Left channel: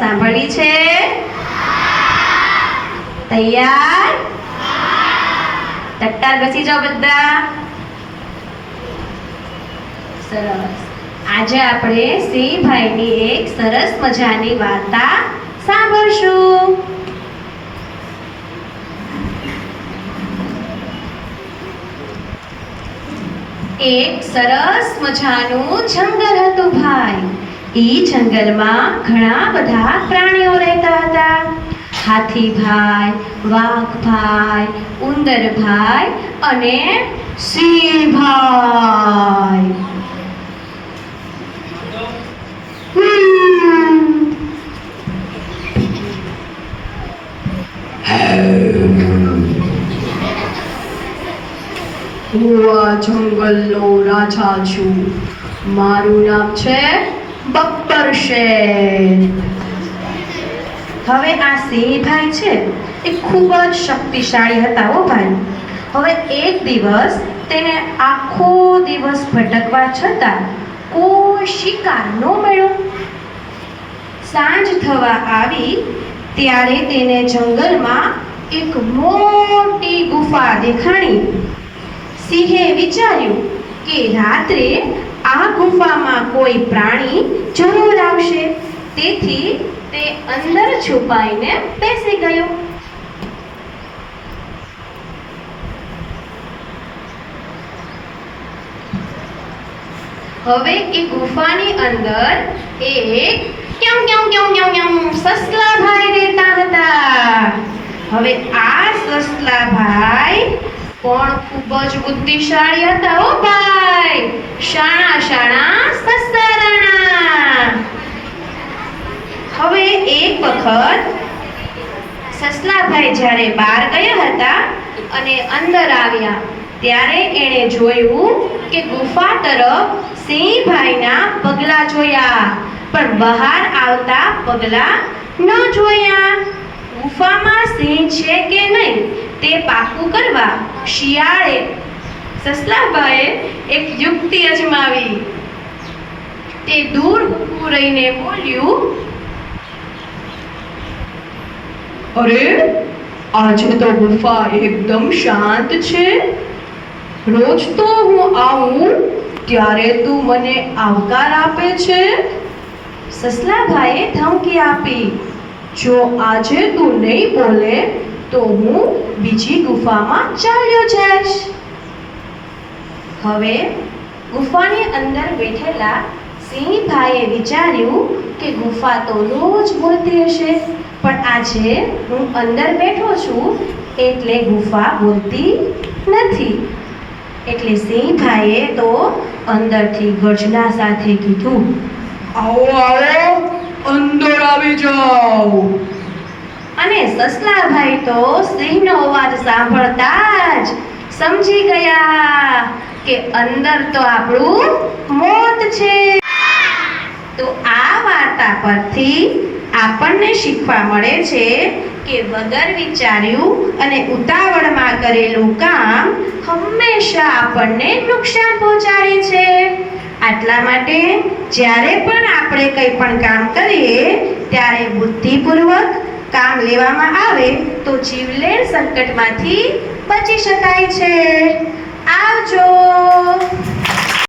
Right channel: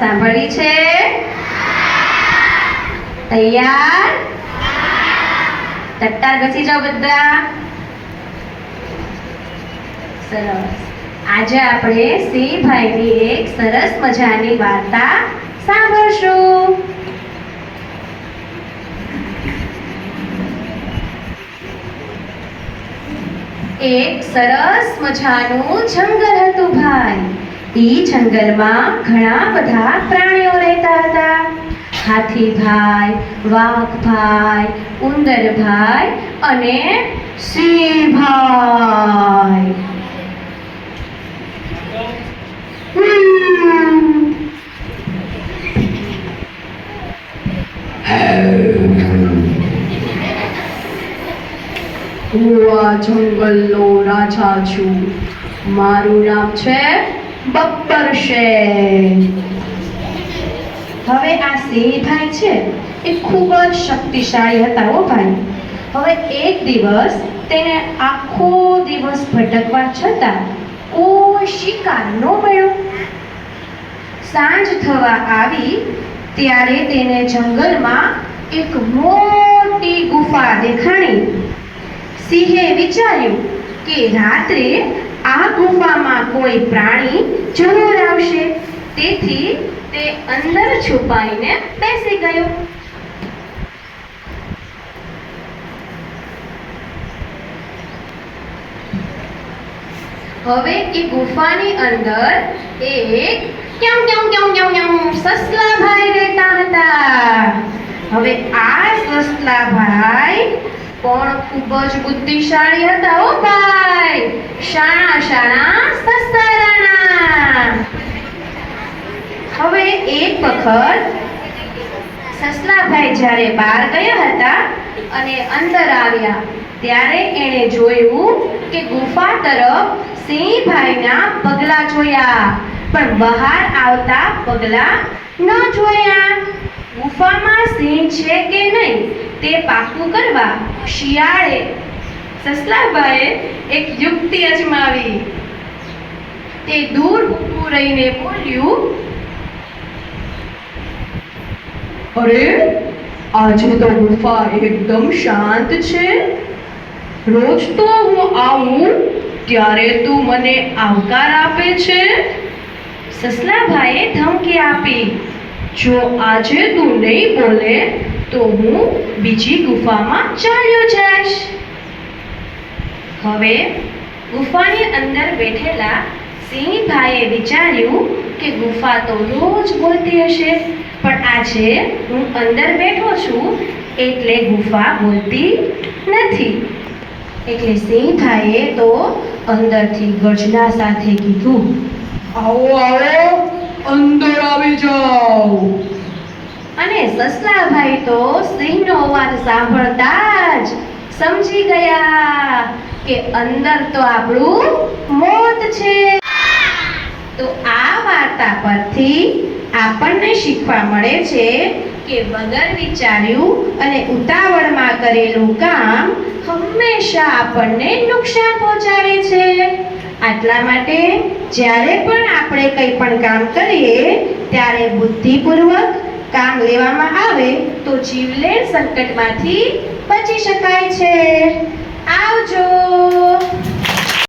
સાંભળી છે? તૈયાર? તટ્ટાર બેસી જાઓ બધા. સરસ. આજે આપણે સિંહભાઈની એક સરસ મજાની વાર્તા સાંભળશું. એક સરસ મજાનું જંગલ હતું ભાઈ. ઈ જંગલમાં ઘણા બધા પ્રાણીઓ રહેતા હતા. હાથીભાઈ, વાઘભાઈ, ઉંદરભાઈ અને સિંહભાઈ. હું આ જંગલનો રાજા છું. મારું નામ છે બબ્બર શેર. હવે આ સિંહભાઈ છે એ ખૂબ જ શક્તિશાળી હતા હો ભાઈ. હવે એક દિવસ તેને આખો દિવસ ભટકવા છતાં કોઈ શિકાર ન મળ્યો. સાંજ થવા આવી ત્યારે તેને જંગલમાં એક મોટી ગુફા દેખાણી. સિંહે વિચાર્યું કે રાત્રે આ ગુફામાં કોઈ પ્રાણી જરૂર આવશે, તેથી તે અંદર છુપાઈને બેસી ગયો. હવે એ ગુફાની અંદર એક સસલાભાઈ રહેતા હતા. હવે આ સસલાભાઈ પણ ખૂબ જ બુદ્ધિશાળી હતા હો ભાઈ. શાણા સસલારાણા. હવે એક વખત સસલાભાઈ જ્યારે બહાર ગયા હતા અને અંદર આવ્યા ત્યારે એણે જોયું કે ગુફા તરફ સિંહભાઈના પગલા જોયા, પણ બહાર આવતા પગલા ન જોયા. ગુફામાં સિંહ છે કે નહીં તે પાકું કરવા શિયાળે સસલાભાઈએ એક યુક્તિ અજમાવી. તે દૂર ઊભું રહીને બોલ્યું, અરે, આજે તો ગુફા એકદમ શાંત છે. રોજ તો હું આવું ત્યારે તું મને આવકાર આપે છે. સસલાભાઈએ ધમકી આપી, જો આજે તું નહીં બોલે તો હું બીજી ગુફામાં ચાલ્યો જઈશ. હવે ગુફાની અંદર બેઠેલા સિંહભાઈએ વિચાર્યું કે ગુફા તો રોજ બોલતી હશે, પણ આજે હું અંદર બેઠો છું એટલે ગુફા બોલતી નથી. એટલે સિંહભાઈએ તો અંદરથી ગર્જના સાથે કીધું, આવો આવો, અંદર આવી જાઓ. અને સસલાભાઈ તો સિંહનો અવાજ સાંભળતા જ સમજી ગયા કે અંદર તો આપણું મોત છે. તો આ વાર્તા પરથી આપણને શીખવા મળે છે કે વગર વિચાર્યું અને ઉતાવળમાં કરેલું કામ હંમેશા આપણને નુકસાન પહોંચાડે છે. આટલા માટે જ્યારે પણ આપણે કંઈ પણ કામ કરીએ ત્યારે બુદ્ધિપૂર્વક કામ લેવામાં આવે તો જીવલેણ સંકટમાંથી બચી શકાય છે. આવજો.